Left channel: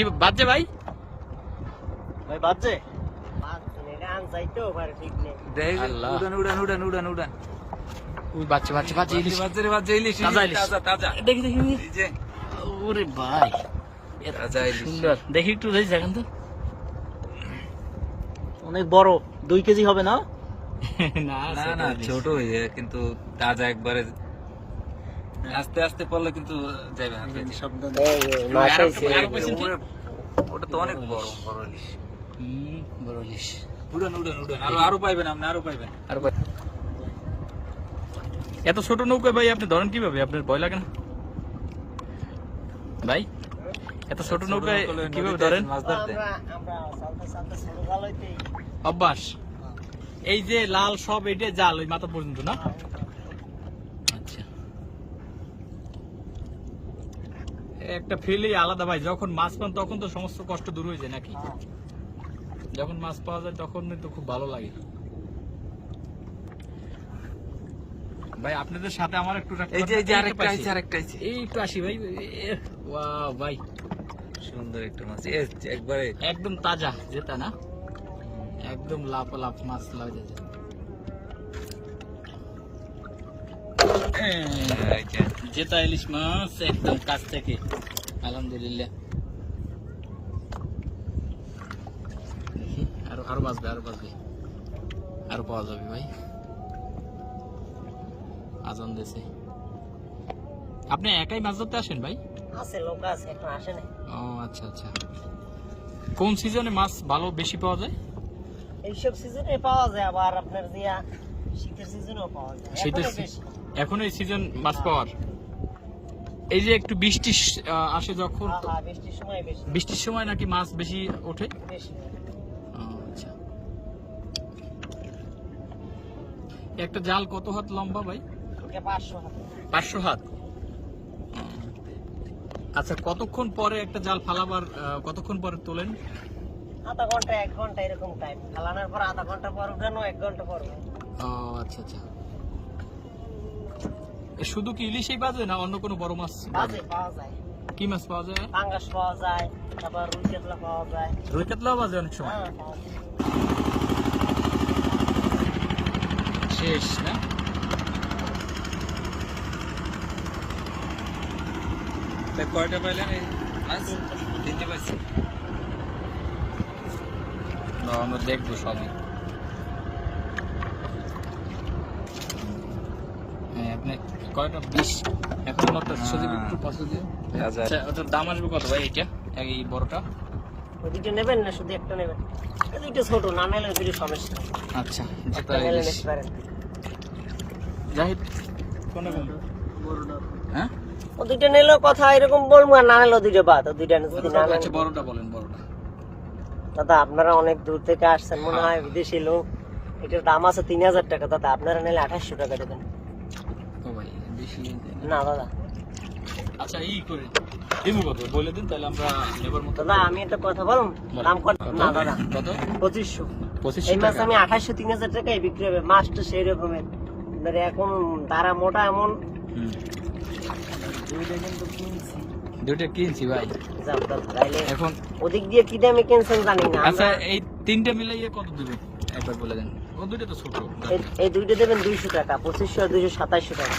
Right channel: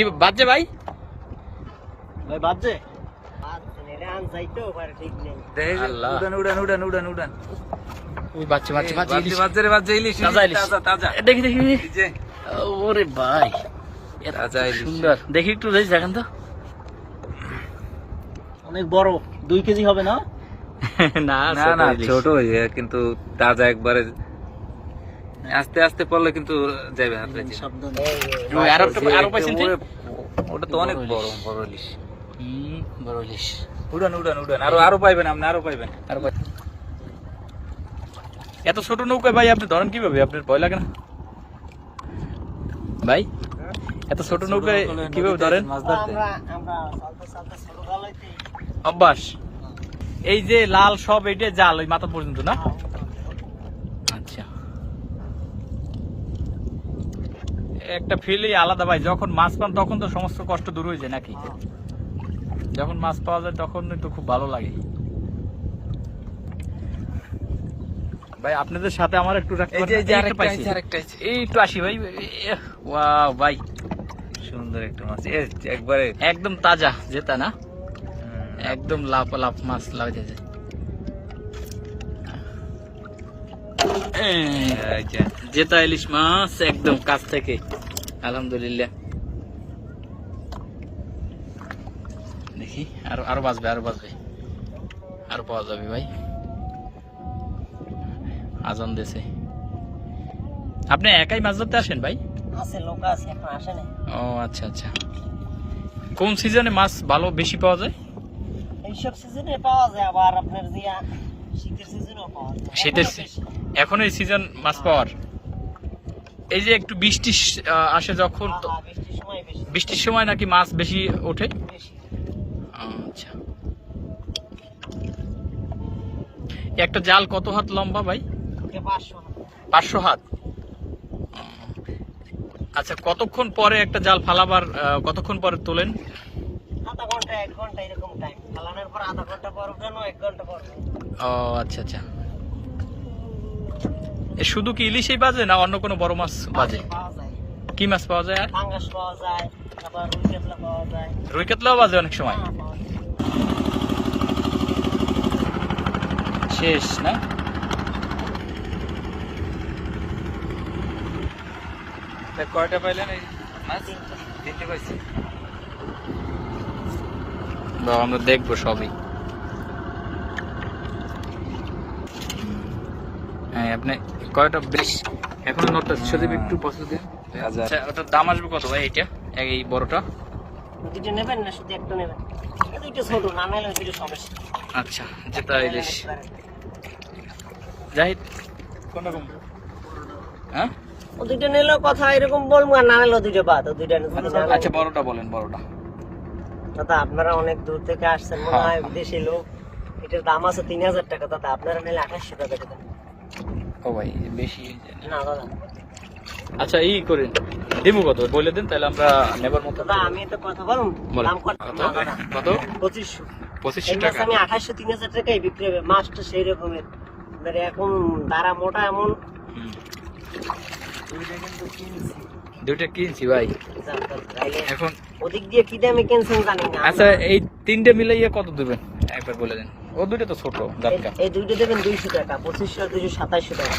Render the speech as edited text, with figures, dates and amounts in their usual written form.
কি বাজছে ভাই? ভাই বাজছে আল্লাহ। উড়ান ওই বাজছে বাজছে বাজছে ইলিশ। বাজছে রে বাজছে ইলিশ তাজা ইলিশ। তাজা দেখি দেখি এই যে ওরে ভাই এত তাজা ইলিশ। সুন্দর, দেখি একটু দেখেন তো। অনেক বড় 2 কেজি হবে না? না না না ছোট কিন্তু তাজা একবারে আস্তে আস্তে পড়লে কিন্তু যাবে হাতে শব্দ আরো পাইছেন ঠিক ওটা তো অনেক বড় বড় ইলিশ বড় ইলিশ। উড়ান আরো পাইবেন আপনি আরো পাইবেন এত ছোট নৌকা ভাই আপনি ধরেন কিভাবে? আপনার ভয় লাগে না ভাই? এত ছোট নৌকায় কিভাবে ধরেন? মাছ ধরতে অভ্যাস। এই যে লাল সব এইটা জাল ওই মাথা পর্যন্ত না? আচ্ছা, একটা ফিলই আলাদা ভাই। যখন মাছ পান তখন তো সমস্ত কষ্ট দূর হয়ে যায় নাকি? যখন মাছ পাওয়া যায় তখন তো খুব ভালো লাগে ভাই। আপনাদের সাথে আমার একটু এই যে আরেকটা আছে এই একটু আসি ভাই। ওয়াও ভাই, সুন্দর একটা মাছ একবারে একদম তাজা যেটা না, একদম লাফ লাফ মাছ লাগে যায়। যেটা ইলিশ মাছ একদম কাছ থেকে, আলহামদুলিল্লাহ। দেখি আরো আরো বাজবে আরো পাওয়া যাবে ভাই। আজান দেশে আপনি একাই মাছ ধরতে আসেন ভাই? আছে লোক আছে, এখন আসে না। ও আচ্ছা আচ্ছা। কোন সিজনে মাছ ভালো বেশি পাওয়া যায়? এইসব সিজনে পাওয়া যায়, আবার আপনার দিয়া শীতের সিজনেও পাওয়া যায়। শীতের এখন এই সিজন মাছ পাওয়ার। এই যে একটু বৃষ্টি আসে যখন, বৃষ্টির সময় বেশি। বৃষ্টির সময় নাকি মাছ বেশি ওঠে? বেশি। আচ্ছা, একটা জাল কত হাত লম্বা ভাই? এটা 500 হাত। 500 হাত। আচ্ছা, কতক্ষণ পরে একটা জাল ফালাবার কতক্ষণ পরে তোলেন? আধা ঘন্টা 1 ঘন্টা এরকম টাইম। ফালানোর পর আধা ঘন্টা পর উঠানো, 1 ঘন্টা পর। ও আচ্ছা আচ্ছা। শুধু কি ইলিশই বাজে না অন্য কোনো বড় মাছ বাজে? পাওয়া যায়। কি মাছ পাওয়া যায়? আর পাঙ্গাস পাওয়া যায়, আবার রুই কাতলা পাওয়া যায়। রুই কাতলাও বাজে অনেক সময়। হ্যাঁ, পাওয়া যায়। শেষ না? কয়টা পাইলেন এই মাছ? 3টে পাইছি। আমরা দেখবো সবই। হ্যাঁ, আপনি কয়টা বেশ এখন নোটটা সজীব একটু পছন্দ দিন। আচ্ছা, ওটার দাম আসবে কত ভাই? এটা এই বড়টা দুইটা নেবেন না শুধু একটা নেবেন? দুইটা ছোট না নিলে দুইটা সমস্যা। আচ্ছা, যেটা ইলিশ জাহিদ কোন রকম? হ্যাঁ, ও দুইটা নিলেও কথা এরকম বলবো, আর না নিলেও দুইটা বাদ। দুইটা আচ্ছা বড়টা বলেন, বড়টা। দাদা আপনারা অনেক দূর থেকে আসছেন, মনে হয় বিদেশি লোক। এটার দাম আছে 3000 টাকা। দাদা আপনারা নিলে 2800 টাকা দেবেন। ও ভাই বেশি। না না না, আচ্ছা এই করেন, দিমু কত বলে দেন তাহলে আমরা নেবার মতো। না আমি একটা কথা বলুন, বলেন। দাম কত? কত কত? 2500। 2500 টাকা। আমি 2800 3000 টাকায় বিক্রি হবে। মাছটা সেই রকমই, মানে এখন দাঁড়া মোটা এমন। দুইটা কিন্তু কিনছি। দুইটা কিনছি ভাই এখন। ওদিক দিয়ে কি দামে কিনছেন জানি না। আচ্ছা, এই 3টে মিলাইয়া কত দেবেন একবার বলে দেন। ও দুইটা তো ছোট গাছটা। এই দুইটা দেবেন 200 টাকা, 2500 আর 227 টাকা।